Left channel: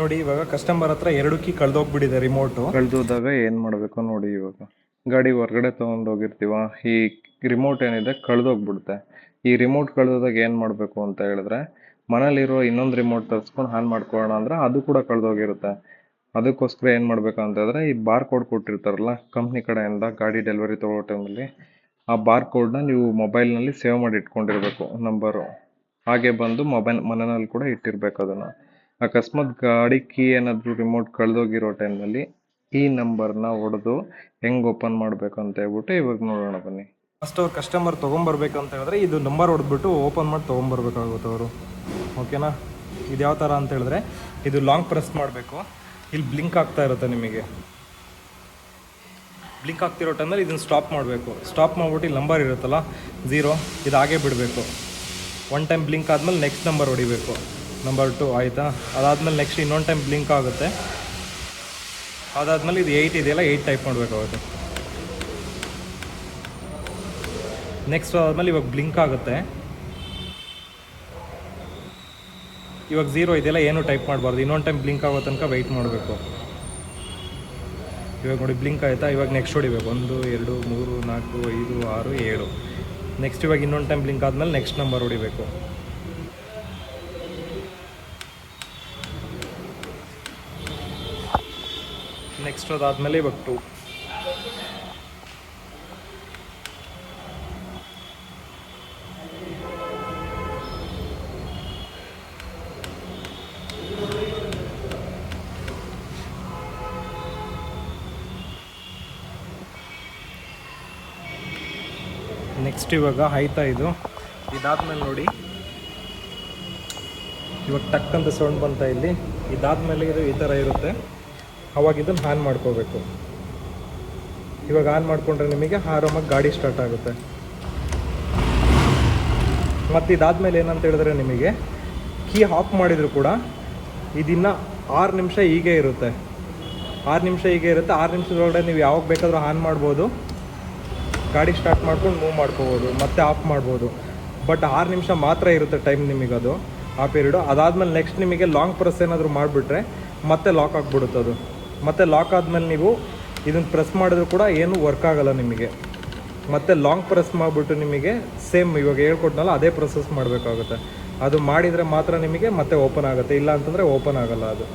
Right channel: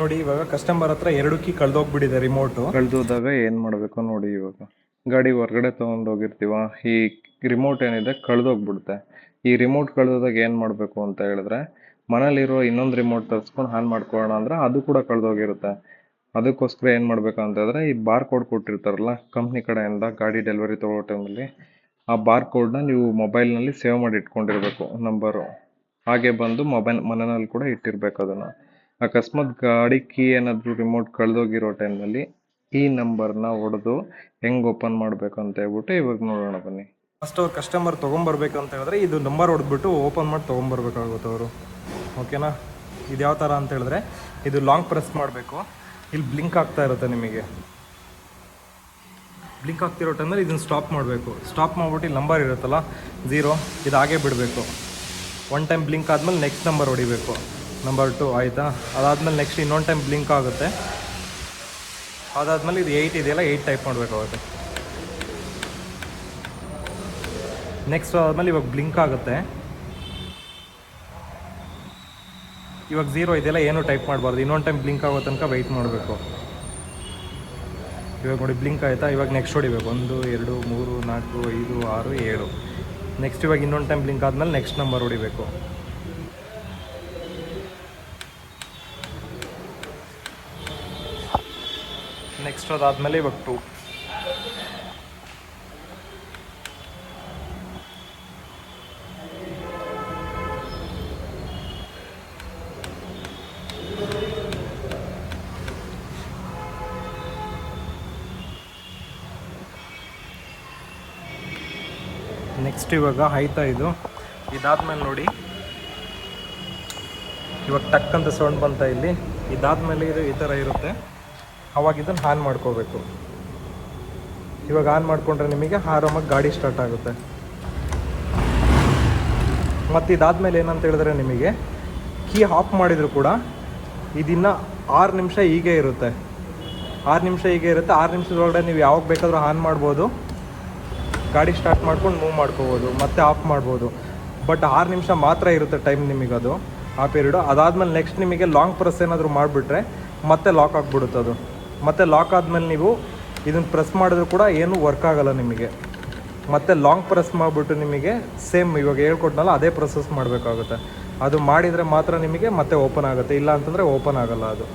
ನೋಡಿ, ಇವಾಗ ಕಸ್ಟಮರ್ ಹತ್ರ ಎರಡು ಕೀ ಕಳ್ದೋಗ್ಬಿಟ್ಟಿದೆ ರಿಮೋಟು ಕಳ್ದೋದಾಗ ಏನು ಮಾಡಬೇಕು ನೋಡಿ ಇವಾಗ. ಗಾಡಿ ಹೊರಗಡೆ ತೊಗೊಂಡೋಗಿರ್ತೀವ, ಈ ರಿಮೋಟ್ ಏನಿದೆ ಕಳ್ದೋಗ್ಬಿಡುತ್ತೆ. ಈ ರಿಮೋಟ್ ಕಳ್ದೋದಾಗ ಏನು ಮಾಡಬೇಕು ಅಂತ ಹೇಳಿದ್ರೆ, ಮನೇಲಿರೋ ಇನ್ನೊಂದು ರಿಮೋಟ್ ತರಿಸ್ಕೊಂಡು ಹಾನ್ ಮಾಡ್ಕೊಳ್ಳೋಣ ಅಂದ್ರೆ ಅದು ಕೂಡ ಕಳ್ದೋಗಿರುತ್ತೆ. ಅದಕ್ಕೋಸ್ಕರ ಏನು ಮಾಡಬೇಕು ಅಂತ ಹೇಳಿದ್ರೆ, ಈ ಬಾರ್ ಕೋಡ್ ಕೊಟ್ಟಿರ್ತಾರಲ್ಲ ಕಂಪ್ನಿ ಕಡೆಯಿಂದ ಗಾಡಿ ಡೆಲಿವರಿ ತೊಗೊಳ್ಳೋ ಟೈಮಲ್ಲಿ ಆ ಬಾರ್ ಕೋಡ್ನ ನೀವು ಮೊಬೈಲ್ನಲ್ಲಿ ಸೇವ್ ಮಾಡಿ ಇಟ್ಕೊಂಡಿರ್ಬೇಕು ನಂಬರು ಹಾಗೆ ಬಂದು ಮೊಬೈಲ್ ಮನೆಯಲ್ಲಿ ಕೂಡ ಇಟ್ಟಿರ್ಬೇಕು ಅದನ್ನು. ಅಕಸ್ಮಾತ್ ಗಾಡಿ ಕೀ ಏನಾದರೂ ರಿಮೋಟ್ ಕಳೆದೋಗಿರೋ ಟೈಮ್ನಲ್ಲಿ ಈ ನಂಬರ್ನ ಹೊಡೆದು ಹೆಂಗೆ ಓಪನ್ ಮಾಡಬೇಕು ಅಂತ ಹೇಳ್ಬಿಟ್ಟು ಇವಾಗ ನೋಡೋಣ ಬನ್ನಿ. ಫಸ್ಟ್ ಅವ್ರು ಕಸ್ಟಮರ್ ತೊಗೊಂಬರ್ಬೇಕು ಅಂತ ಹೇಳಿದ್ರೆ ಇದು ನಂಬರ್ ಹೊಡೆದ್ಬಿಟ್ಟು ಓಪನ್ ಮಾಡಿ ತೊಗೊಂಬರ್ಬೇಕಾಗುತ್ತೆ ಅವರು. ಓಕೆನಾ ಇದು ಯಾವ ಥರ ಅಂತ ಹೇಳಿದ್ರೆ ಇದು ಲಾಂಗ್ ಪ್ರೆಸ್ ಮಾಡಬೇಕು. ಇಲ್ಲಿ ಬ್ಲಿಂಕ್ ಆಗ್ತಾ ಇರುತ್ತೆ ನಿಮಗೆ. ಬ್ಲಿಂಕ್ ಆಗ್ತಿರೋ ಟೈಮಲ್ಲಿ ಇದನ್ನು ಸ್ಟಾಪ್ ಮಾಡಬೇಕು. ಸ್ಟಾಪ್ ಮಾಡ್ಬಿಟ್ಟು ಇಲ್ಲಿ ನಂಬರ್ ಇರುತ್ತಲ್ಲ ಝೀರೋ ಇದು ಹಾಗೆ ಬಿಡಬೇಕು. ಒನ್ ಟೈಮ್ ಬ್ಲಿಂಕ್ ಆದಮೇಲೆ ನೆಕ್ಸ್ಟ್ ನಂಬರ್ ಹೊಡಿಬೇಕು. ನಂಬರ್ ಟು ಆಯಿತಾ? ಅದಾದಮೇಲೆ ನೆಕ್ಸ್ಟ್ ಇನ್ನೊಂದು ಟೈಮ್ ಬ್ಲಿಂಕ್ ಆಗುತ್ತೆ. ಅದಾದಮೇಲೆ ಇದು ಏಯ್ಟ್ ಇದೆಯಲ್ಲ ಏಯ್ಟ್ ಟೈಪ್ ಮಾಡಬೇಕಾಗುತ್ತೆ ನೆಕ್ಸ್ಟ್ ಆದಮೇಲೆ ಇವಾಗ ಬ್ಲಿಂಕ್ ಆಗುತ್ತೆ. ಇವಾಗ ಝೀರೋ ಇದೆಯಲ್ಲ, ಏನು ಟೈಪ್ ಮಾಡಬಾರ್ದು. ಇನ್ನೊಂದು ಟೈಮ್ ಬ್ಲಿಂಕ್ ಆಗೋ ತನಕ ವೆಯ್ಟ್ ಮಾಡಬೇಕು. ಇವಾಗ ನೋಡಿ ಬ್ಲಿಂಕ್ ಆಯಿತಾ? ಇವಾಗ ನೆಕ್ಸ್ಟ್ ಹೊಡಿಬೇಕು. ಒಂದು, ಎರಡು, ಮೂರು, ನಾಲ್ಕು, ಐದು, ಆರು, ಏಳು. ನೆಕ್ಸ್ಟ್ ಇವಾಗ ಇನ್ನೊಂದು ಟೈಮ್ ಬ್ಲಿಂಕ್ ಆದಮೇಲೆ ನೆಕ್ಸ್ಟ್ ನಂಬರ್ ಹೊಡಿಬೇಕು. ಅದಾದಮೇಲೆ ಇವಾಗ ಟೂ ನೆಕ್ಸ್ಟ್ ಇವಾಗ ಆಯ್ತಾ ಇದು. ಇದಾದ್ಮೇಲೆ ನೋಡಿ. ಇವಾಗ ಟಕ್ ಅಂತ ಸೌಂಡ್ ಬಂತ ಇಲ್ಲಿ. ಇದಾದ್ಮೇಲೆ ಇದು ಈ ಥರ ಇರುತ್ತೆ. ಅವಾಗ ಇದನ್ನು ಆನ್ ಮಾಡ್ಕೋಬೇಕು. ಇವಾಗ ಆನ್ ಮಾಡಿಕೊಂಡ್ರೆ ನಿಮಗೆ ಆರಾಮಾಗಿ ಗಾಡಿ ಸ್ಟಾರ್ಟ್ ಆಗುತ್ತೆ. ಮತ್ತು ಇದಾದ್ಮೇಲೆ ಏನಂತ ಹೇಳಿದ್ರೆ ನಿಮಗೆ ಕೀ ಆಫ್ ಮಾಡಿದರೂ ಕೂಡ ಇದನ್ನ ಆರು ನಿಮಿಷ ಹೀಗೆ ಇರುತ್ತೆ. ಆರು ನಿಮಿಷ ಹೀಗೆ ಇರುತ್ತೆ. ಆರು ನಿಮಿಷದೊಳಗಡೆ ನೀವು ಯಾವಾಗ ಬೇಕಾದರೂ ಆನ್ ಮಾಡ್ಬೋದು. ಗಾಡಿ ಸ್ಟಾರ್ಟ್ ಮಾಡ್ಕೊಂಡು ಮೂವ್ ಮಾಡ್ಕೋಬೋದು. ಮತ್ತೆ ಆಫ್ ಮಾಡ್ಬೋದು. ಬಟ್ ಆರು ನಿಮಿಷ ಮಾತ್ರ ಇರುತ್ತೆ ಟೈಮ್ ನಿಮಗೆ ಅದು. ಆ ಪೀರಿಯಡು ಅದಾದಮೇಲೆ ನೆಕ್ಸ್ಟ್ ನಿಮಗೆ ಲಾಂಗ್ ಪ್ರೆಸ್ ಏನಾದರೂ ಮಾಡಿಬಿಟ್ರೆ ಮತ್ತೆ ಲಾಕ್ ಆಗಿಬಿಡುತ್ತೆ ಅದು ಮತ್ತೆ ಲಾಕ್ ಆದಮೇಲೆ ನೀವು ಇದನ್ನು ಪ್ರೆಸ್ ಮಾಡಿದ್ರು ಕೂಡ ಏನು ವರ್ಕ್ ಆಗೋಲ್ಲ ನಿಮಗೆ. ಮತ್ತು ಲಾಂಗ್ ಪ್ರೆಸ್ ಮಾಡಿಬಿಟ್ಟು ನಿಮಗೆ ಸೇಮ್ ಇವಾಗ ಹೇಳ್ಕೊಟ್ನಲ್ಲ, ಅದೇ ಪ್ರೊಸೆಸ್ ಮಾಡಬೇಕಾಗುತ್ತೆ. ಅದು ಮಾಡಿದರೆ ಮಾತ್ರ ನಿಮಗೆ ಮತ್ತೆ ಓಪನ್ ಆಗುತ್ತೆ. ಇಲ್ಲ ಅಂತಂದರೆ ಓಪನ್ ಆಗೋಲ್ಲ ಅದು.